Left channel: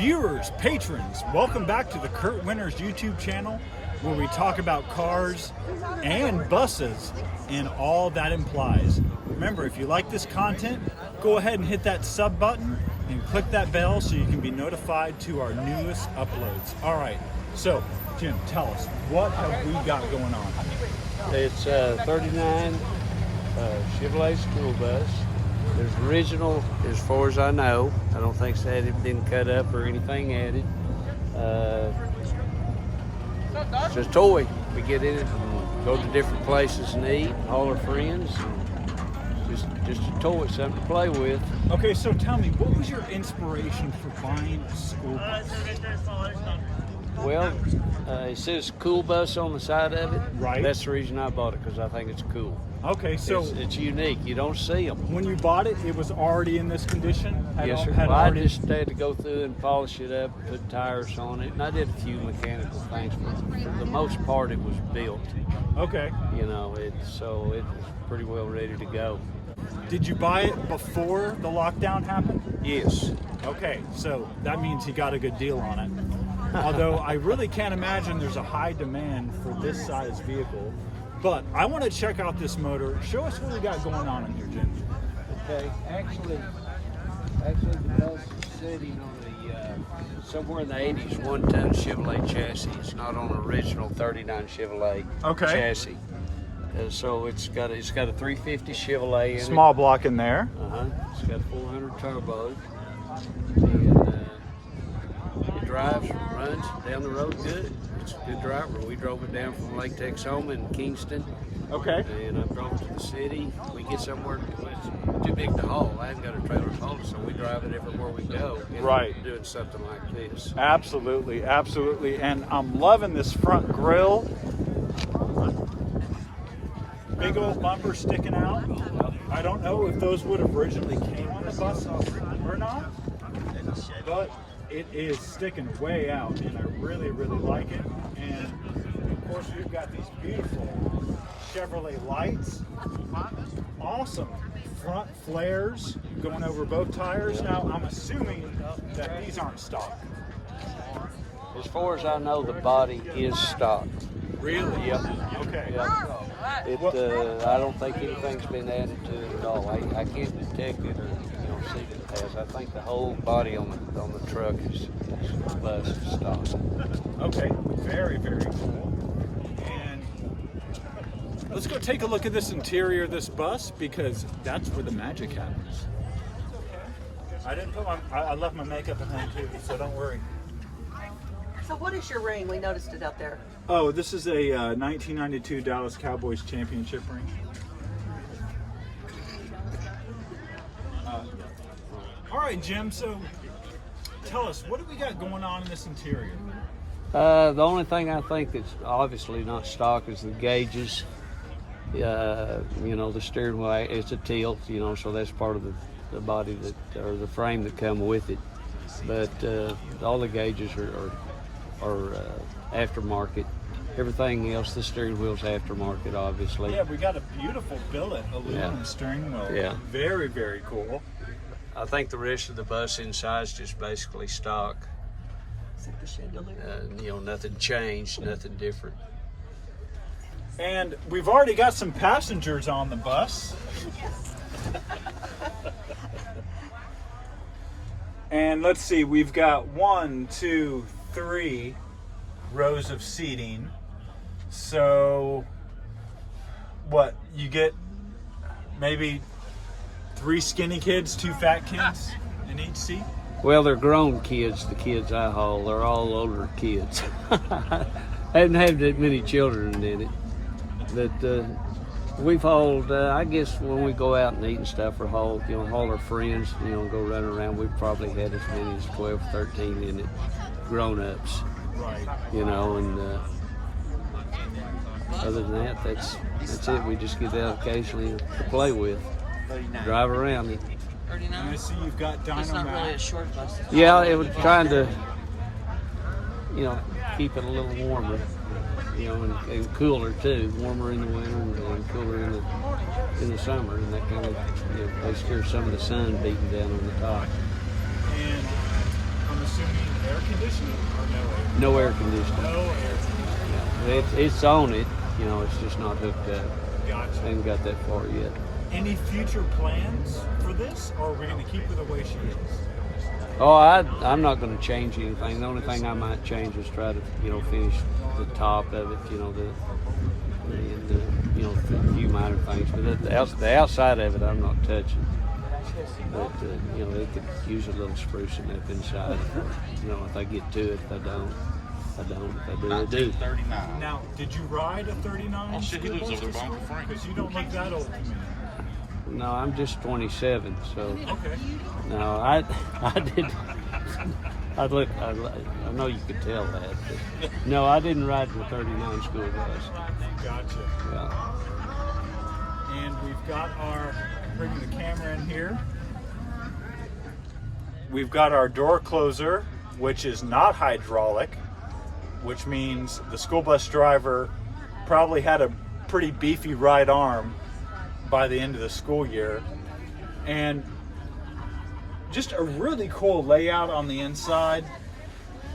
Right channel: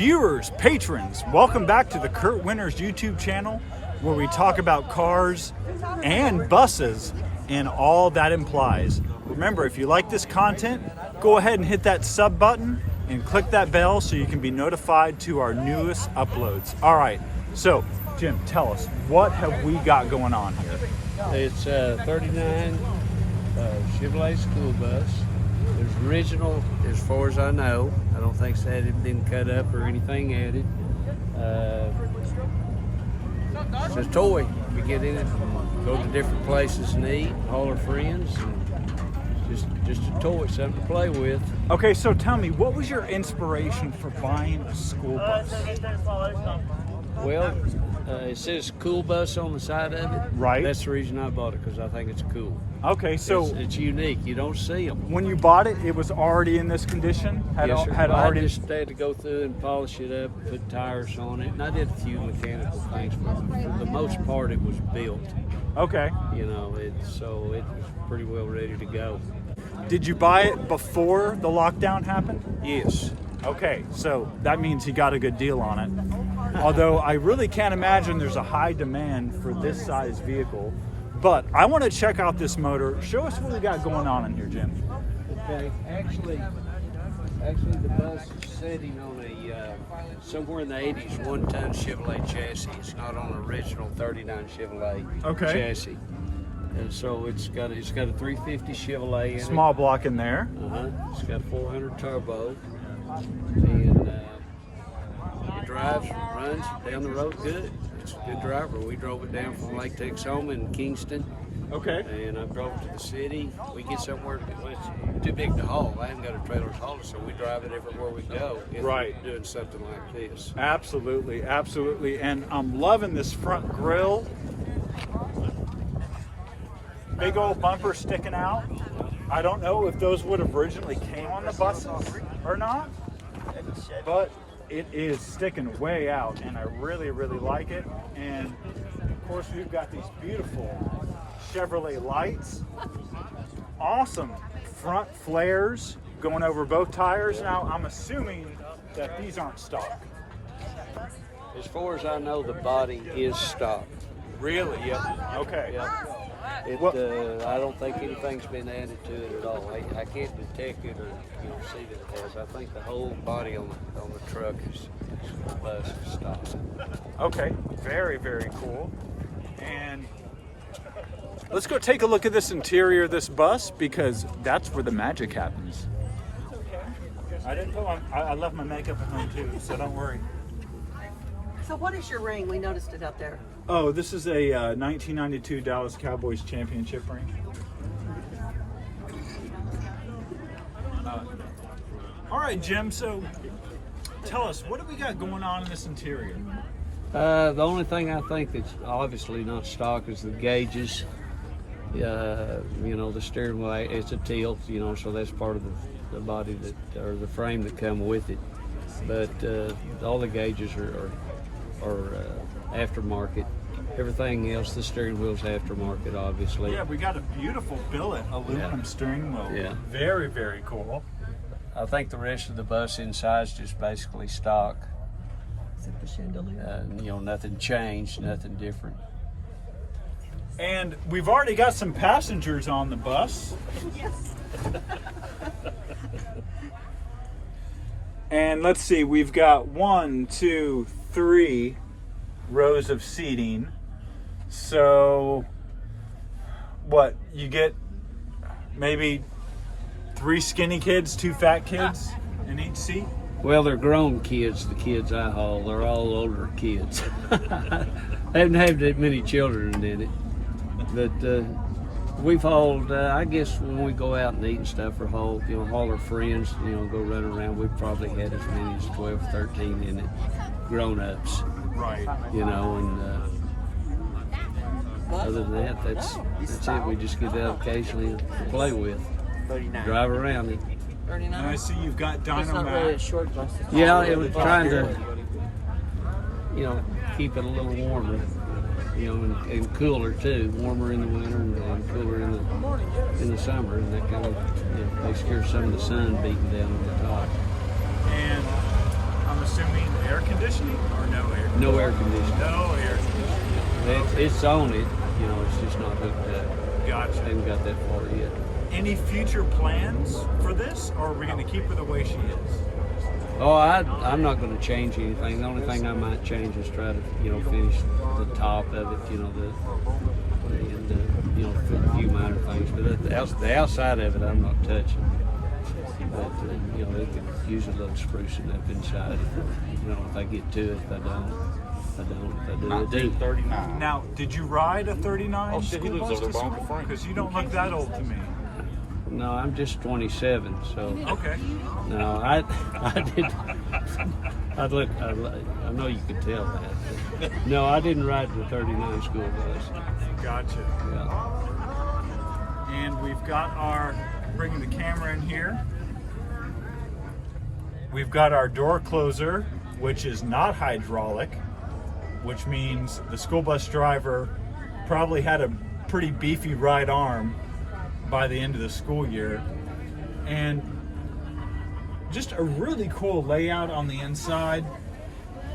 Viewers, patrons, welcome back to the Kurt Winters YouTube channel, where we talk about cars and buses and all that implies. Remember, if you like this content, go ahead and hit that sub button and click that bell so you can be notified to our newest uploads. All right, so Jim, tell us, what have we got going on here? It's a 39 Chevrolet school bus. It's original as far as I know. I don't think it's had anything cut up or anything added. It's just a toy. We get in it and go to different places and eat, haul our friends. And just a toy, something to play with. Okay, so tell me, what was your inspiration for buying a school bus? Well, it says cool bus on the side of it. Right. That's the reason I bought it, because I think it's cool. Okay, so it's unique. You don't see them. when you bought it, it was already in this condition? I just had to go through and polish it up, put tires on it, and I did a few mechanical things, but for the most part, it was built. Okay. You know, so it was pretty well ready to go. Did you buy it before the lockdown happened? Yes. Okay, so that means you got a good deal on it. Although I really can't imagine there's a high demand for this size vehicle. But I want to check out this motor. Show us what we got going on in here, Jim. Okay, actually the bus is sitting on a somewhere in the 80s one-ton Chevrolet chassis. It's not on an original 39 Chevrolet chassis. So it's got a 350 Chevrolet in it. Small block in there. It's got a 400 turbo, and it drives, runs down the road good. It's a good driver. We drove it down from Lake Texoma in Kingston. Okay. And I drove it to the city. We get somewhere, well, it's too big to haul. I haven't got a trailer to haul it, so we drive it everywhere we go. Right. Doing something like this. Absolutely, absolutely. And I'm loving this front grille. Big old bumper sticking out. I don't know if those would have originally came on the buses or not, but it is sticking way out, and I really, really like it. And of course, we've got these beautiful Chevrolet lights. Awesome front flares going over both tires. Now, I'm assuming that these aren't stock. As far as I know, the body is stock. Really? Yep. Okay. Yep. I don't think anything's been added to it at all. I can't detect it or see that it has. I think the whole body on the truck is bus stock. Okay, very, very cool. And let's go take a look at this interior of this bus, because that's where the magic happens. It's okay. I didn't put on, I left my makeup at home too, so don't worry. So what is your ring? We noticed it out there. Oh, this is a 1992 Dallas Cowboys championship ring. All right, Jim, so tell us, what do we got going on in this interior? The only thing I think that's obviously not stock is the gauges. You know, the steering wheel, it's a tilt, you know, so that's part of the body or the frame that come with it. But all the gauges are aftermarket. Everything else, the steering wheel's aftermarket, obviously. Yeah, we got a beautiful billet aluminum steering wheel. Yeah. Very, very cool. I think the rest of the bus inside is just basically stock. Except the chandelier. You know, nothing changed, nothing different. And we've already got some passengers on the bus. And let's see, we've got 1, 2, 3 rows of seating. So what, you get maybe 3 skinny kids, 2 fat kids in each seat? Well, they're grown kids, the kids I haul. They're all older kids. I haven't had that many children in it. But we've hauled, I guess when we go out and eat and stuff, or haul our friends, you know, go run around, we've probably had as many as 12, 13 in it, grown-ups. Right. You know, and other than that, that's it. We just get out occasionally to play with, drive around it. And I see you've got Dynamat. Short bus. Yeah, it was trying to, you know, keep it a little warmer, you know, and cooler too. Warmer in the winter and cooler in the summer, and that kind of takes care of some of the sun beating down on the top. And I'm I'm assuming air conditioning or no air conditioning? No air conditioning. No air conditioning. It's on it, you know, it's just not hooked up. Gotcha. Haven't got that far yet. Any future plans for this, or are we going to keep her the way she is? Oh, I'm not going to change anything. The only thing I might change is try to, you know, finish the top of it, you know, you know, a few minor things. But the outside of it, I'm not touching. But, you know, they could use a little sprucing up inside. You know, if I get to it, if I don't. If I do, I do. Now, did you ride a 39? Oh shit, he lives over there by Uncle Frank. Because you don't look that old to me. No, I'm just 27, so. Okay. No, I did. I know you could tell that. But no, I didn't ride the 39 school bus. Gotcha. Yeah. And we've got bringing the camera in here. We've got our door closer, which is not hydraulic, which means the school bus driver probably had a pretty beefy right arm by the end of the school year. And just a really cool layout on the inside.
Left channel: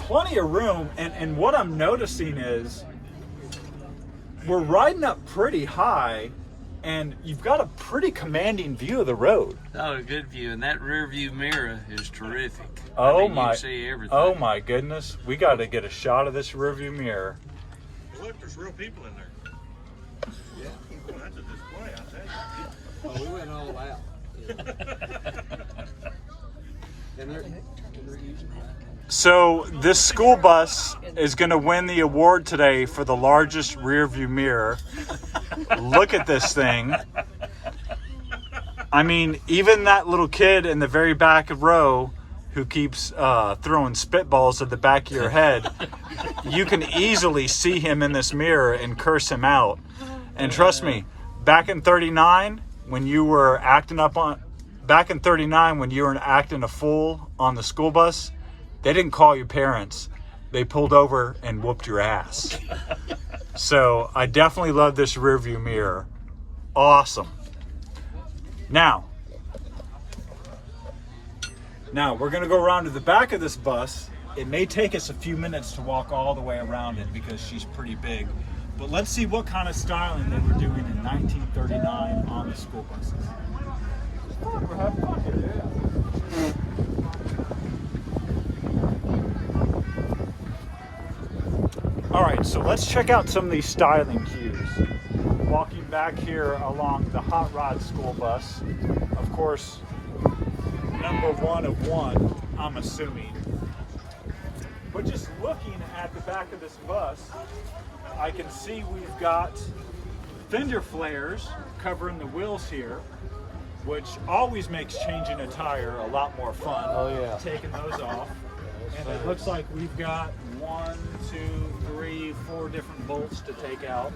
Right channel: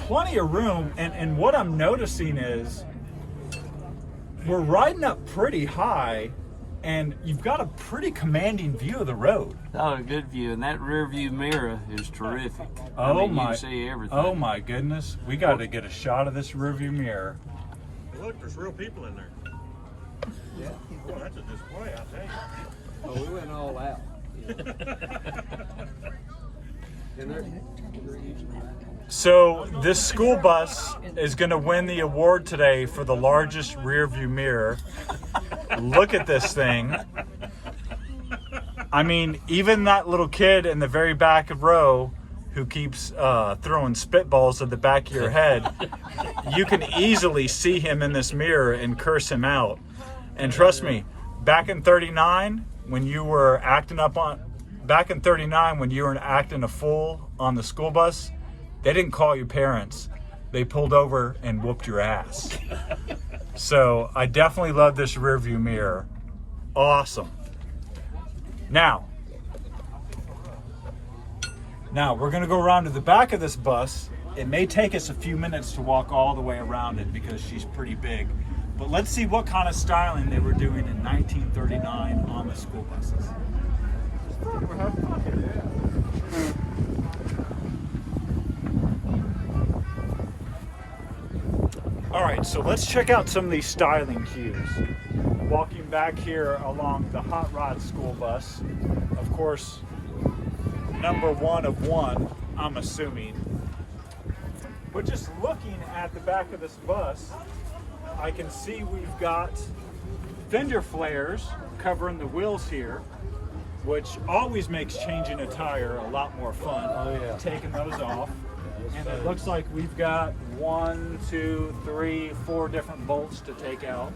Plenty of room, and what I'm noticing is we're riding up pretty high, and you've got a pretty commanding view of the road. Oh, a good view, and that rear view mirror is terrific. Oh, I mean, my! You can see everything. Oh my goodness, we got to get a shot of this rear view mirror. Look, there's real people in there. Boy, that's a display, I tell you. Oh, we went all out. So this school bus is going to win the award today for the largest rear view mirror. Look at this thing. I mean, even that little kid in the very back of row who keeps throwing spitballs at the back of your head, you can easily see him in this mirror and curse him out. And trust me, back in 39, when you were acting a fool on the school bus, they didn't call your parents. They pulled over and whooped your ass. So I definitely love this rear view mirror. Awesome. Now we're gonna go around to the back of this bus. It may take us a few minutes to walk all the way around it because she's pretty big. But let's see what kind of styling they were doing in 1939 on the school buses. All right, so let's check out some of these styling cues. Walking back here along the hot rod school bus, of course, number 1 of 1, I'm assuming. But just looking at the back of this bus, I can see we've got fender flares covering the wheels here, which always makes changing a tire a lot more fun. Oh, yeah. Taking those off. And it looks like we've got 1, 2, 3, 4 different bolts to take out.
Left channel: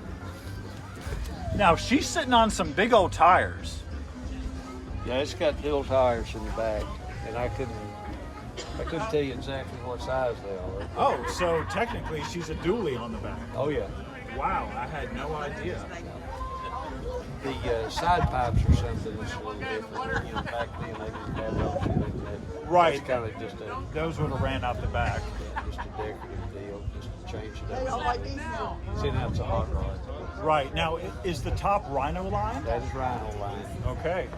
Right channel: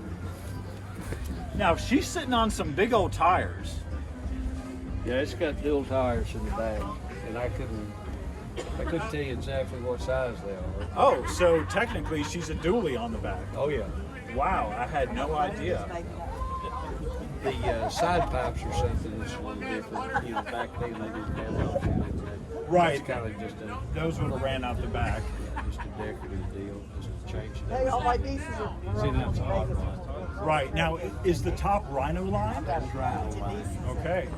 Now she's sitting on some big old tires. Yeah, it's got dual tires in the back, and I couldn't tell you exactly what size they are. Oh, so technically she's a dually on the back. Oh yeah. Wow, I had no idea. The side pipes or something is a little different. You know, back then they didn't have those. Right. It's kind of just Those would have ran out the back. just a decorative deal, just to change it up. See, now it's a hot rod. Right. Now, is the top Rhino line? That is Rhino line. Okay.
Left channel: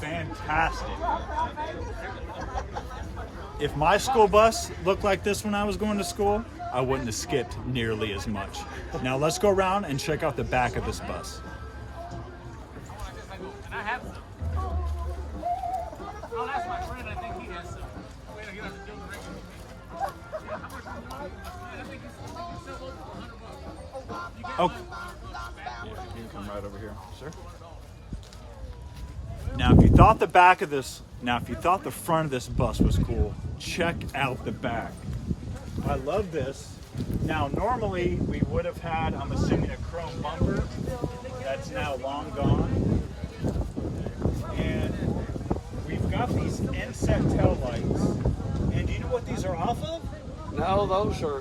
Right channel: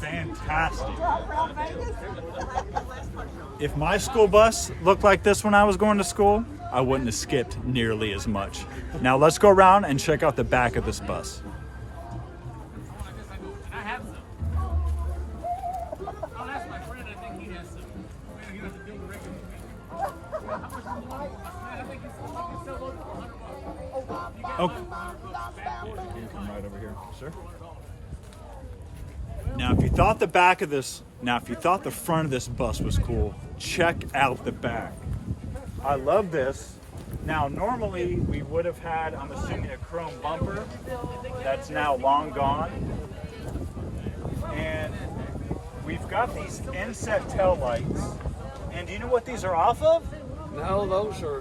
Fantastic. If my school bus looked like this when I was going to school, I wouldn't have skipped nearly as much. Now let's go around and check out the back of this bus. Okay. Come right over here, sir. Now, if you thought the front of this bus was cool, check out the back. I love this. Now, normally we would have had, I'm assuming, a chrome bumper. That's now long gone. And we've got these inset tail lights. And do you know what these are off of? No,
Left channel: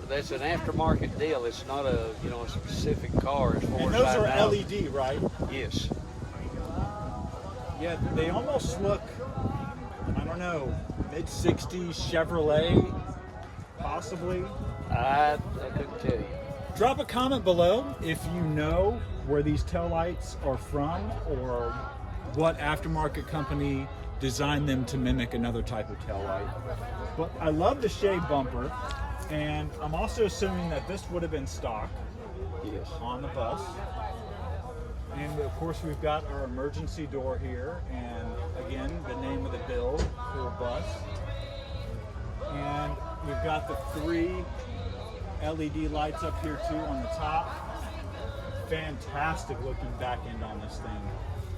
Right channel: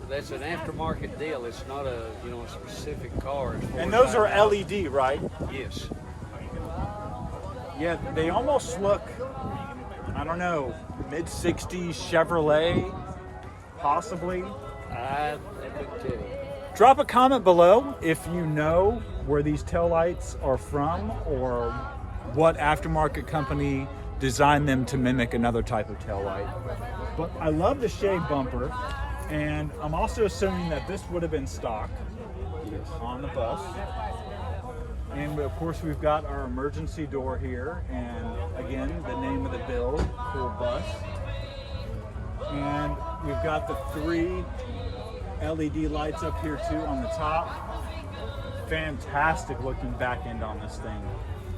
that's an aftermarket deal. It's not a specific car. And those are LED, right? Yes. Yeah, they almost look, I don't know, mid-60s Chevrolet, possibly. I couldn't tell you. Drop a comment below if you know where these taillights are from or what aftermarket company designed them to mimic another type of taillight. But I love the shade bumper, and I'm also assuming that this would have been stock Yes. on the bus. And of course we've got our emergency door here, and again, the name of the build, Cool Bus. And we've got the 3 LED lights up here too on the top. Fantastic looking back end on this thing.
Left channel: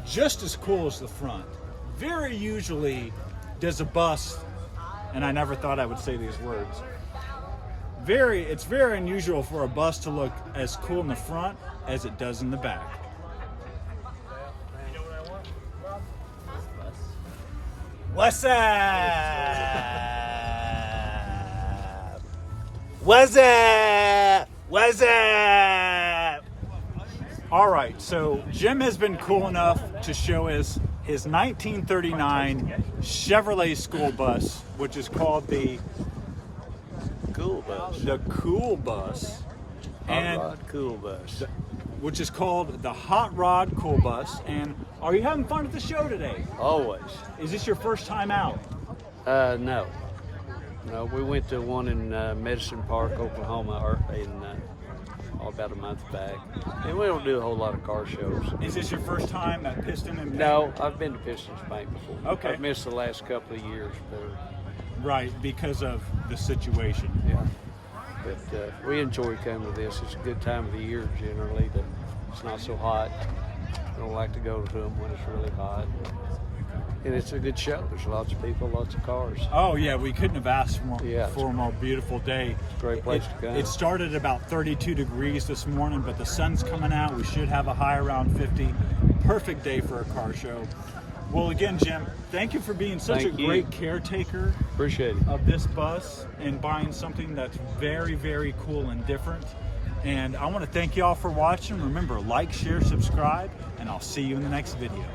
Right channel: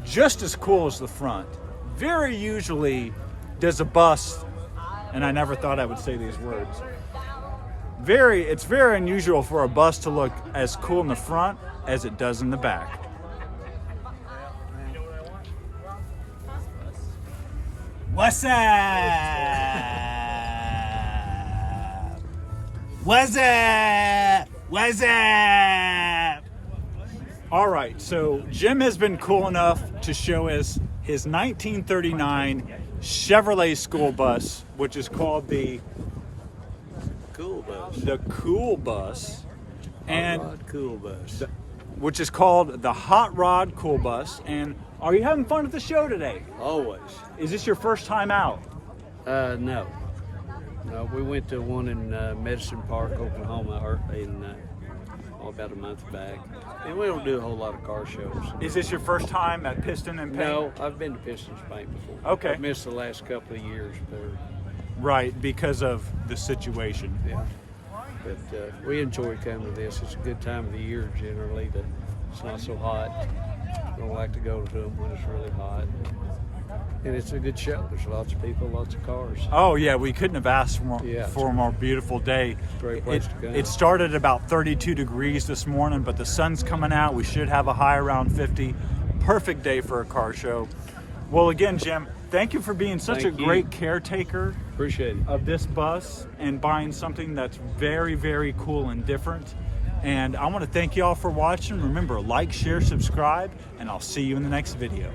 Just as cool as the front. Very usually does a bus, and I never thought I would say these words, it's very unusual for a bus to look as cool in the front as it does in the back. What's up? What's up? What's up? All right, so Jim has been cool enough to show us his 1939 Chevrolet school bus, which is called the Cool Bus. the Cool Bus, and Hot Rod Cool Bus. which is called the Hot Rod Cool Bus. And are you having fun at the show today? Always. Is this your first time out? No. No, we went to one in Medicine Park, Oklahoma, about a month back. And we don't do a whole lot of car shows. Is this your first time at Piston and Paint? No, I've been to Pistons Bank before. Okay. I've missed the last couple of years, but Right, because of the situation. yeah. But we enjoy coming to this. It's a good time of the year generally. It's not so hot. Don't like to go to them when it's really hot. And it's a good show. There's lots of people, lots of cars. Oh yeah, we couldn't have asked Yeah. for a more beautiful day. Great place to go. It started at about 32 degrees this morning, but the sun's coming out. We should have a high around 50. Perfect day for a car show. Well, again, Jim, thank you for being such Thank a you. great caretaker Appreciate it. of this bus and buying something that's very, very cool and different. And I want to thank you all for watching. Remember, like, share, subscribe, and I'll see you in the next video.